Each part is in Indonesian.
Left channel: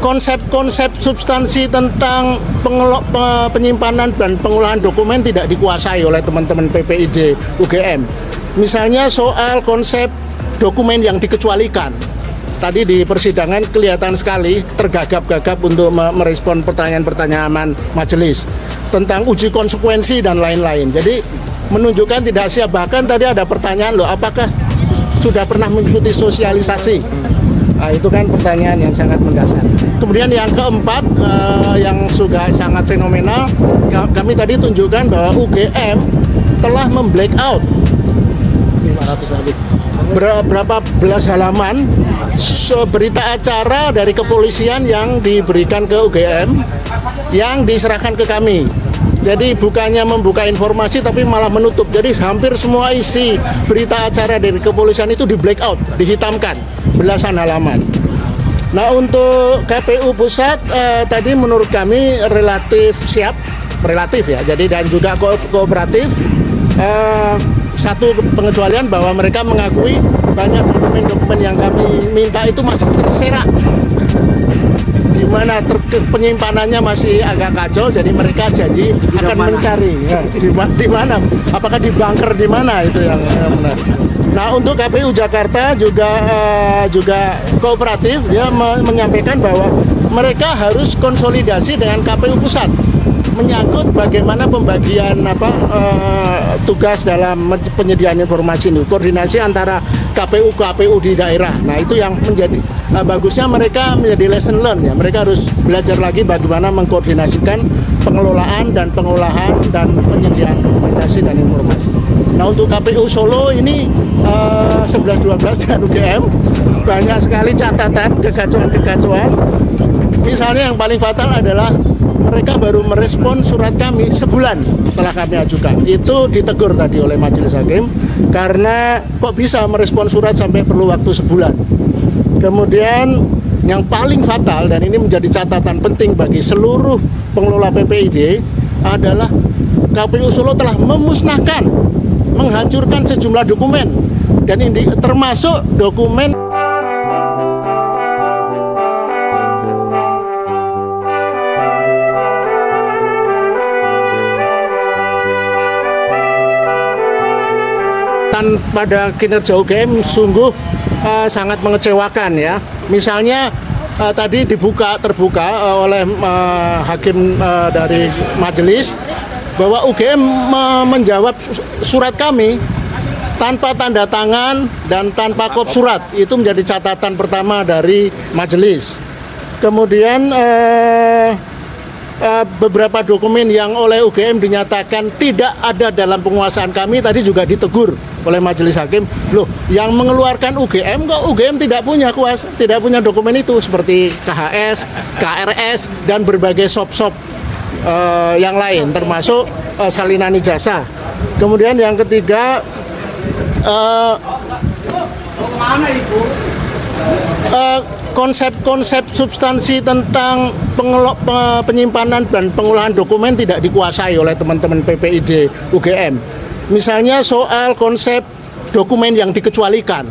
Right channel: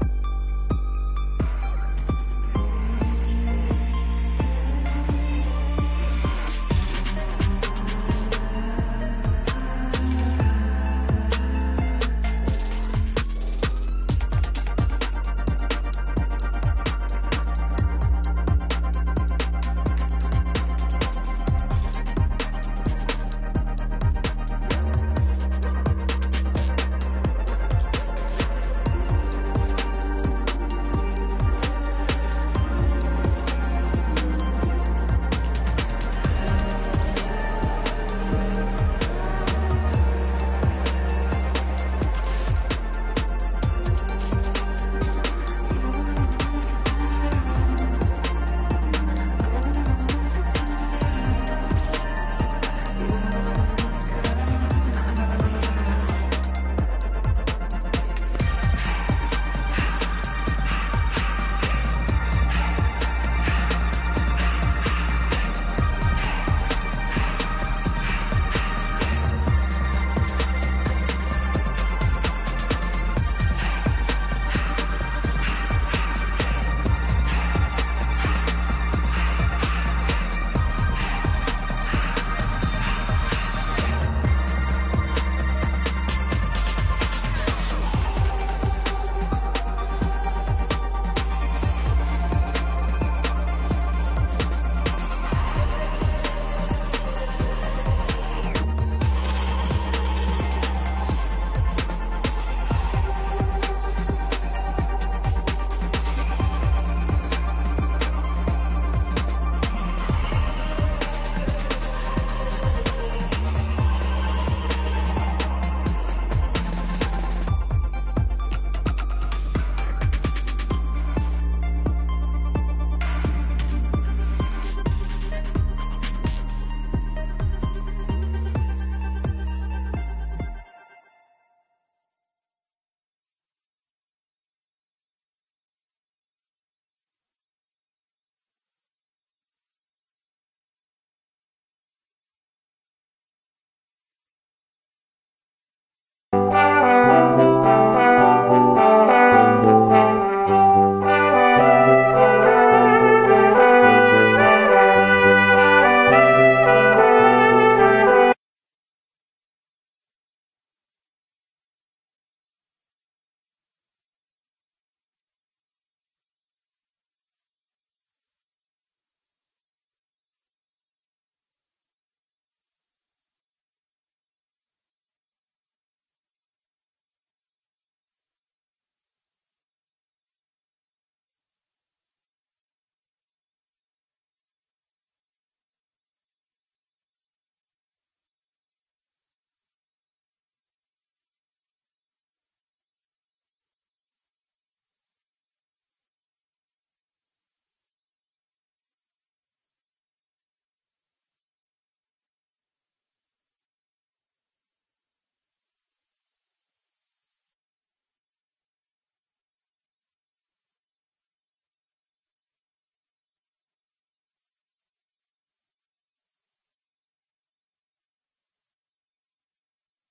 Konsep-konsep substansi tentang penyimpanan dan pengolahan dokumen tidak dikuasai oleh teman-teman PPID UGM. Misalnya soal konsep dokumen yang dikecualikan. Tadi di persidangan kelihatan sekali tergagap-gagap untuk merespon pertanyaan-pertanyaan majelis tentang uji konsekuensi dan lain-lain. Jadi menunjukkan tidak siap. Bahkan tadi ada pertanyaan, loh, apakah sudah pernah mengikuti sosialisasi? Nah, itu kan pertanyaan yang sangat mendasar. Kemudian yang keempat, yang juga sangat fenomenal, kami tadi tunjukkan bahwa UGM telah memblackout berapa belas halaman berita acara dari kepolisian yang diberikan ke UGM, yang diserahkan ke kami. Jadi bukannya membuka informasi tapi malah menutup. Jadi hampir semua isi berita acara dari kepolisian itu di blackout, dihitamkan belasan halaman. Nah, untuk KPU pusat tadi menurut kami relatif siap, relatif ya. Jadi dan juga kooperatif. Satu pengecualian bahwa mereka mengakui banyak dokumen-dokumen yang kami minta itu masih terserak, di mana penyimpanannya masih agak kacau. Jadi mereka janji akan mencari di mana, apakah di bunker di mana, itu yang benar. Nah, untuk KPU Jakarta juga kooperatif, dia menyampaikan bahwa mereka harus konsolidasi dengan KPU pusat menyangkut bagaimana pembagian tugas dalam penyediaan informasi ini, koordinasi antara KPU di daerah. Nah, itu yang menjadi bagusnya mereka menjadi lesson learn ya. Mereka harus belajar lagi bagaimana mengkoordinasikan pengelolaan dan pengolahan dan penyediaan komunikasi dan informasi. Nah, untuk KPU Solo ini 11-12 dan UGM banyak sekali catatan kekacauan. Misalnya yang paling fatal adalah mereka baru merespon surat kami sebulan setelah kami ajukan. Itu ditegur tadi oleh majelis hakim karena kok bisa merespon surat sampai perlu waktu sebulan. Kemudian yang paling fatal, dan ini menjadi catatan penting bagi seluruh pengelola PPID, adalah KPU Solo telah memusnahkan, menghancurkan sejumlah dokumen, dan ini termasuk dokumen pada kinerja UGM sungguh sangat mengecewakan ya. Misalnya tadi terbuka oleh hakim dari majelis bahwa UGM menjawab surat kami tanpa tanda tangan dan tanpa kop surat. Itu menjadi catatan pertama dari majelis. Kemudian beberapa dokumen yang oleh UGM dinyatakan tidak ada dalam penguasaan kami tadi juga ditegur oleh majelis hakim. Loh, yang mengeluarkan UGM kok UGM tidak punya kuasa, tidak punya dokumen itu, seperti KHS, KRS dan berbagai sop-sop yang lain termasuk salinan ijazah. Kemudian yang ketiga, konsep substansi tentang penyimpanan dan pengolahan dokumen tidak dikuasai oleh teman-teman PPID UGM. Misalnya soal konsep dokumen yang dikecualikan.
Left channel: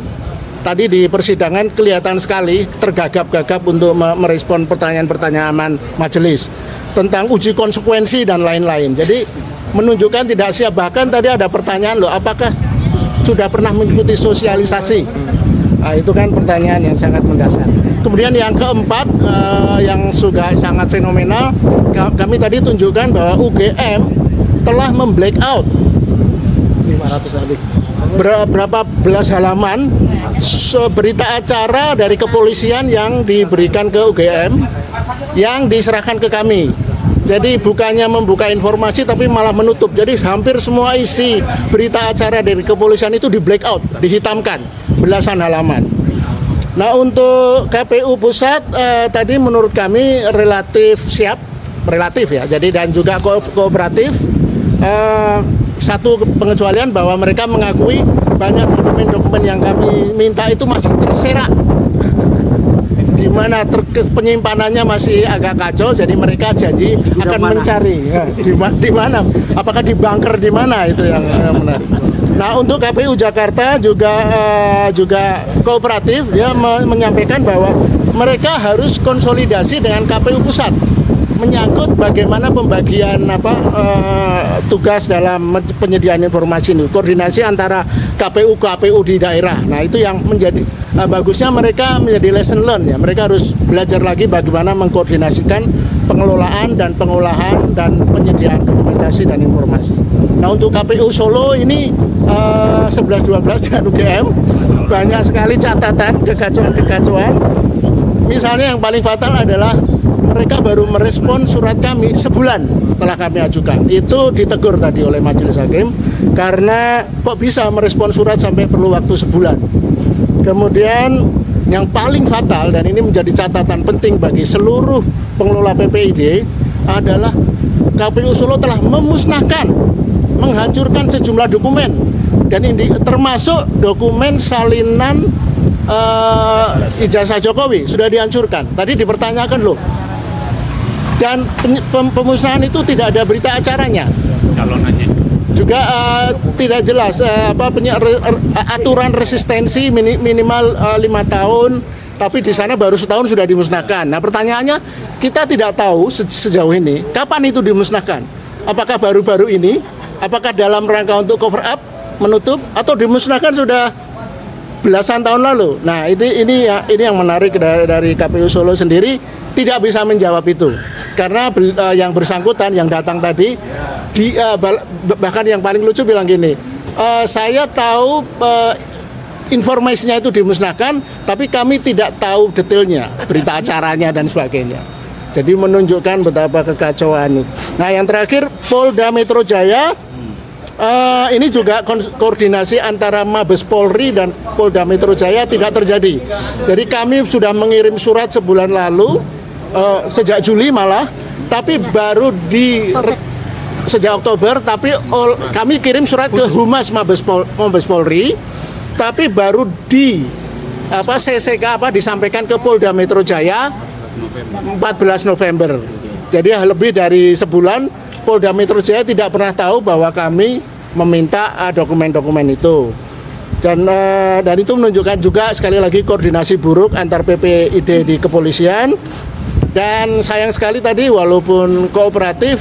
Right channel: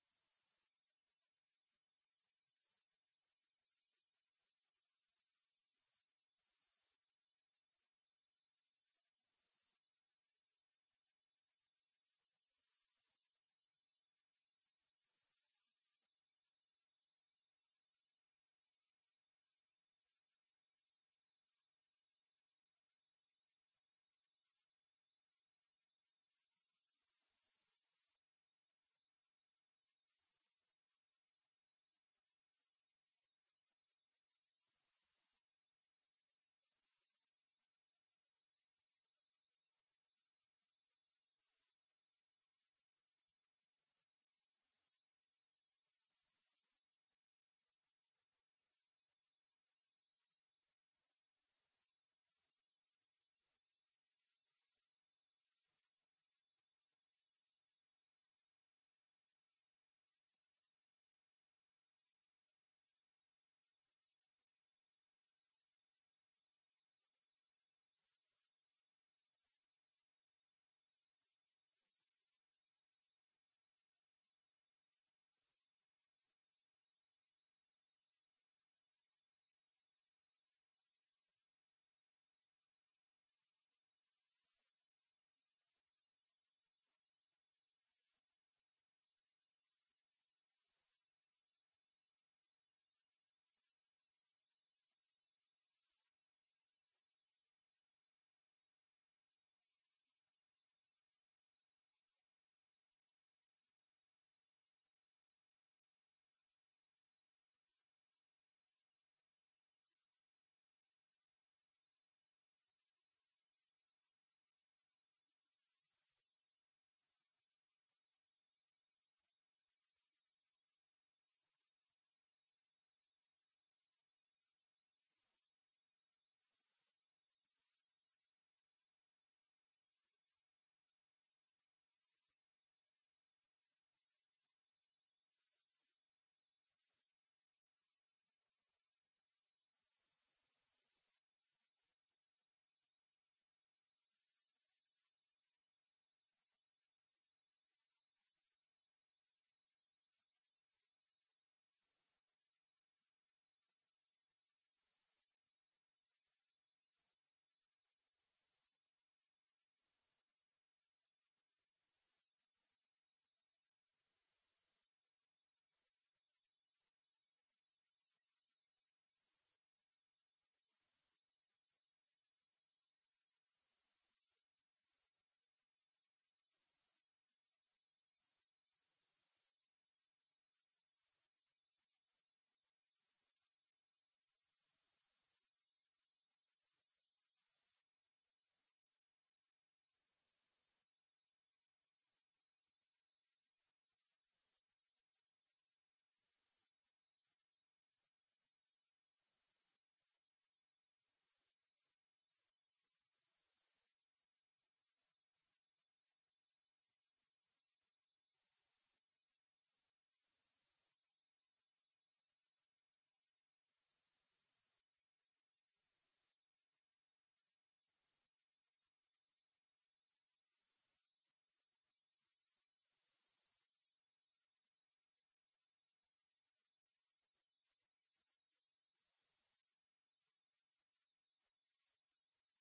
Tadi di persidangan kelihatan sekali tergagap-gagap untuk merespon pertanyaan-pertanyaan majelis tentang uji konsekuensi dan lain-lain. Jadi menunjukkan tidak siap. Bahkan tadi ada pertanyaan, loh, apakah sudah pernah mengikuti sosialisasi? Nah, itu kan pertanyaan yang sangat mendasar. Kemudian yang keempat, yang juga sangat fenomenal, kami tadi tunjukkan bahwa UGM telah memblackout berapa belas halaman berita acara dari kepolisian yang diberikan ke UGM, yang diserahkan ke kami. Jadi bukannya membuka informasi tapi malah menutup. Jadi hampir semua isi berita acara dari kepolisian itu di blackout, dihitamkan belasan halaman. Nah, untuk KPU pusat tadi menurut kami relatif siap, relatif ya. Jadi dan juga kooperatif. Satu pengecualian bahwa mereka mengakui banyak dokumen-dokumen yang kami minta itu masih terserak, di mana penyimpanannya masih agak kacau. Jadi mereka janji akan mencari di mana, apakah di bunker di mana, itu yang benar. Nah, untuk KPU Jakarta juga kooperatif, dia menyampaikan bahwa mereka harus konsolidasi dengan KPU pusat menyangkut bagaimana pembagian tugas dalam penyediaan informasi ini, koordinasi antara KPU di daerah. Nah, itu yang menjadi bagusnya mereka menjadi lesson learn ya. Mereka harus belajar lagi bagaimana mengkoordinasikan pengelolaan dan pengolahan dan penyediaan dokumentasi dan informasi. Nah, untuk KPU Solo ini 11-12 dengan UGM banyak sekali catatan kekacauan. Misalnya yang paling fatal adalah mereka baru merespon surat kami sebulan setelah kami ajukan. Itu ditegur tadi oleh Majelis Hakim karena kok bisa merespon surat sampai perlu waktu sebulan. Kemudian yang paling fatal dan ini menjadi catatan penting bagi seluruh pengelola PPID adalah KPU Solo telah memusnahkan, menghancurkan sejumlah dokumen dan ini termasuk dokumen salinan ijazah Jokowi sudah dihancurkan. Tadi dipertanyakan loh. Dan pemusnahan itu tidak ada berita acaranya. Calonannya juga tidak jelas aturan resistensi minimal 5 tahun, tapi di sana baru setahun sudah dimusnahkan. Nah, pertanyaannya kita tidak tahu sejauh ini kapan itu dimusnahkan. Apakah baru-baru ini? Apakah dalam rangka untuk cover up, menutup, atau dimusnahkan sudah belasan tahun lalu? Nah, ini yang menarik dari KPU Solo sendiri tidak bisa menjawab itu karena yang bersangkutan yang datang tadi bahkan yang paling lucu bilang gini, saya tahu informasinya itu dimusnahkan tapi kami tidak tahu detailnya, berita acaranya dan sebagainya. Jadi menunjukkan betapa kekacauan ini. Nah, yang terakhir Polda Metro Jaya, ini juga koordinasi antara Mabes Polri dan Polda Metro Jaya tidak terjadi. Jadi kami sudah mengirim surat sebulan lalu, sejak Juli malah, tapi baru sejak Oktober, tapi kami kirim surat ke Humas Mabes Polri, tapi baru disampaikan ke Polda Metro Jaya 14 November. Jadi lebih dari sebulan Polda Metro Jaya tidak pernah tahu bahwa kami meminta dokumen-dokumen itu. Dan itu menunjukkan juga sekali lagi koordinasi buruk antar PPID di kepolisian. Dan sayang sekali tadi walaupun kooperatif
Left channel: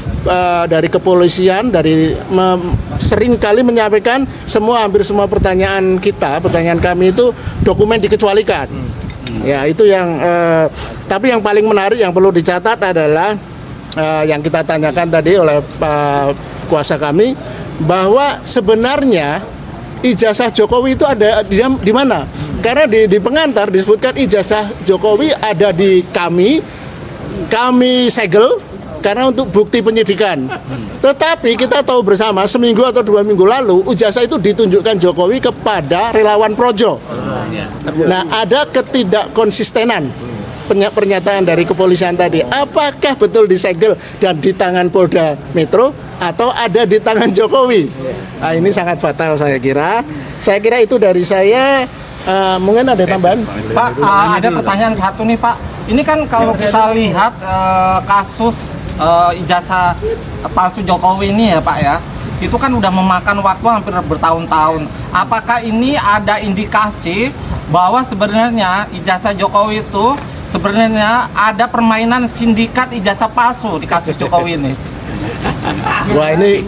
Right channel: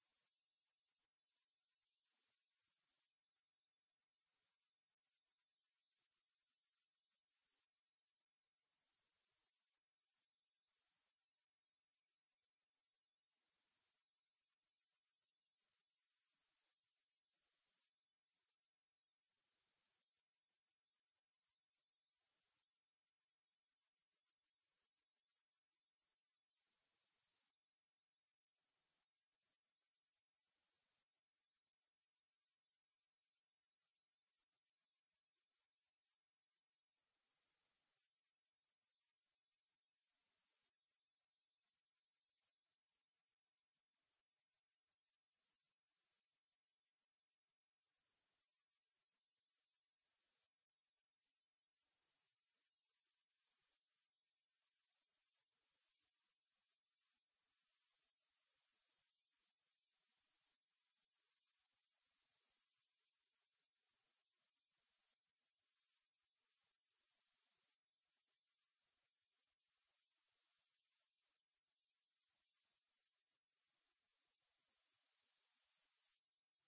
dari kepolisian sering kali menyampaikan hampir semua pertanyaan kami itu dokumen dikecualikan. Ya, itu yang tapi yang paling menarik yang perlu dicatat adalah yang kita tanyakan tadi oleh kuasa kami, bahwa sebenarnya ijazah Jokowi itu ada di mana? Karena di pengantar disebutkan ijazah Jokowi ada di kami segel karena untuk bukti penyidikan. Tetapi kita tahu bersama seminggu atau 2 minggu lalu ijazah itu ditunjukkan Jokowi kepada relawan Projo. Nah, ada ketidakkonsistenan pernyataan dari kepolisian tadi. Apakah betul disegel dan di tangan Polda Metro atau ada di tangan Jokowi? Nah, ini sangat fatal saya kira. Saya kira itu dari saya. Mungkin ada tambahan? Pak, ada pertanyaan satu nih Pak. Ini kan kalau kita lihat kasus ijazah palsu Jokowi ini ya Pak ya, itu kan udah memakan waktu hampir bertahun-tahun. Apakah ini ada indikasi bahwa sebenarnya ijazah Jokowi itu sebenarnya ada permainan sindikat ijazah palsu di kasus Jokowi ini? Wah, ini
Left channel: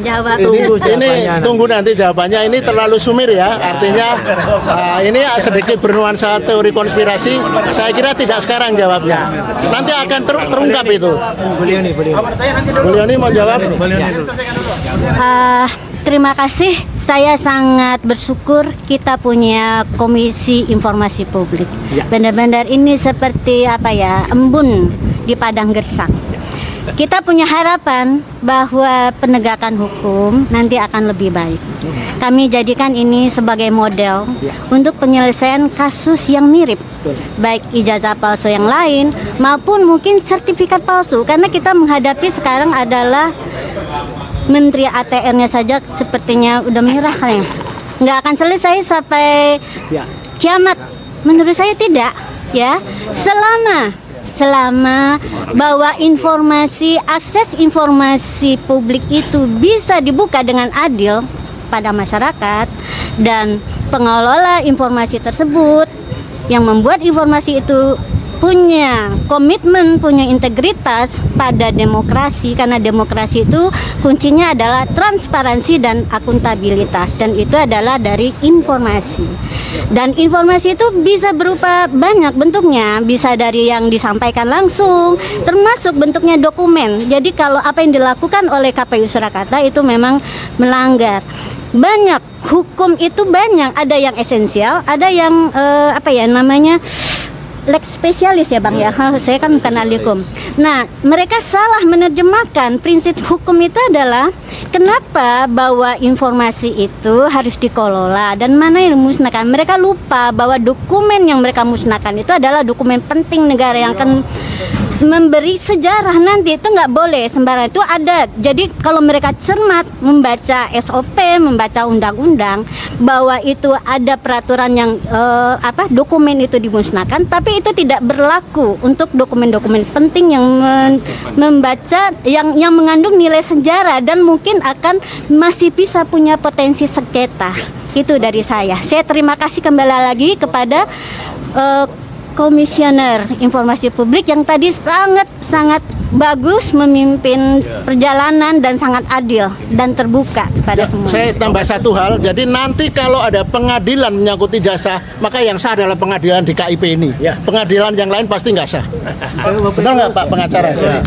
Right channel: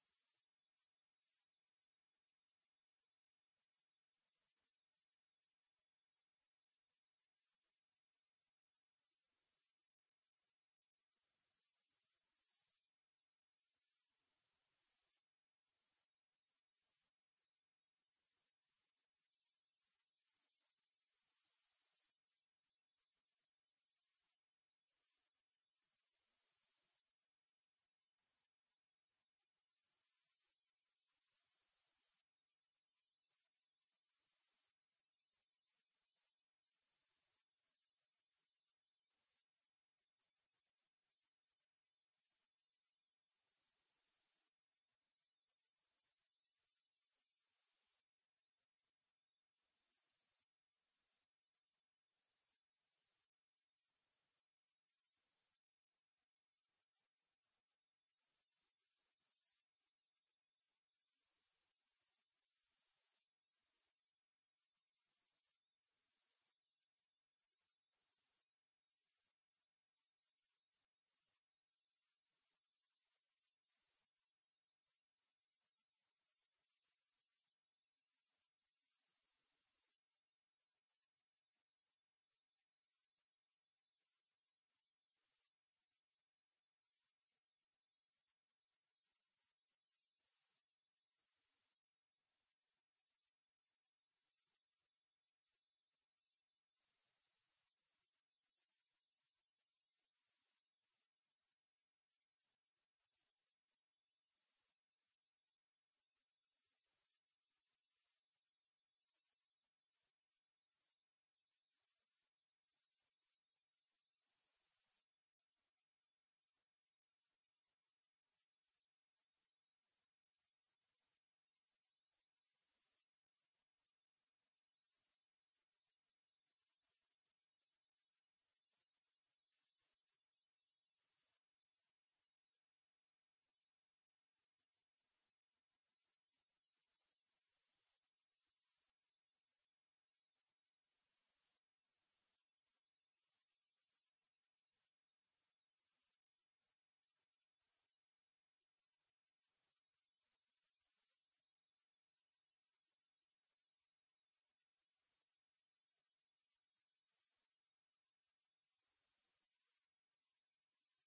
tunggu nanti jawabannya. Ini terlalu sumir ya, artinya ini sedikit bernuansa teori konspirasi. Saya kira tidak sekarang jawabnya, nanti akan terungkap itu. Beliau ini mau jawab. Terima kasih. Saya sangat bersyukur kita punya Komisi Informasi Publik. Benar-benar ini seperti embun di padang gersang. Kita punya harapan bahwa penegakan hukum nanti akan lebih baik. Kami jadikan ini sebagai model untuk penyelesaian kasus yang mirip, baik ijazah palsu yang lain maupun mungkin sertifikat palsu. Karena kita menghadapi sekarang adalah Menteri ATR-nya saja sepertinya udah menyerah ya. Nggak akan selesai sampai kiamat. Menurut saya tidak, ya. Selama bahwa akses informasi publik itu bisa dibuka dengan adil, kepada masyarakat, dan pengelola informasi tersebut yang membuat informasi itu punya komitmen, punya integritas pada demokrasi, karena demokrasi itu kuncinya adalah transparansi dan akuntabilitas, dan itu adalah dari informasi. Dan informasi itu bisa berupa banyak bentuknya, bisa dari yang disampaikan langsung, termasuk bentuknya dokumen. Jadi kalau apa yang dilakukan oleh KPU Surakarta itu memang melanggar. Banyak, hukum itu banyak, ada yang esensial, ada yang lex spesialis ya Bang ya, saya kan bukan ahli hukum. Nah, mereka salah menerjemahkan prinsip hukum itu adalah kenapa bahwa informasi itu harus dikelola dan mana yang dimusnahkan. Mereka lupa bahwa dokumen yang mereka musnahkan itu adalah dokumen penting negara yang akan memberi sejarah nanti, itu nggak boleh sembarang, itu ada. Jadi kalau mereka cermat membaca SOP, membaca undang-undang, bahwa itu ada peraturan yang dokumen itu dimusnahkan, tapi itu tidak berlaku untuk dokumen-dokumen penting yang membaca yang mengandung nilai sejarah dan mungkin akan masih bisa punya potensi sengketa. Itu dari saya. Saya terima kasih kembali lagi kepada Komisioner Informasi Publik yang tadi sangat bagus memimpin perjalanan dan sangat adil dan terbuka kepada semua. Saya tambah satu hal, jadi nanti kalau ada pengadilan menyangkut ijazah, maka yang sah adalah pengadilan di KIP ini. Pengadilan yang lain pasti nggak sah. Betul nggak Pak pengacara? Ya.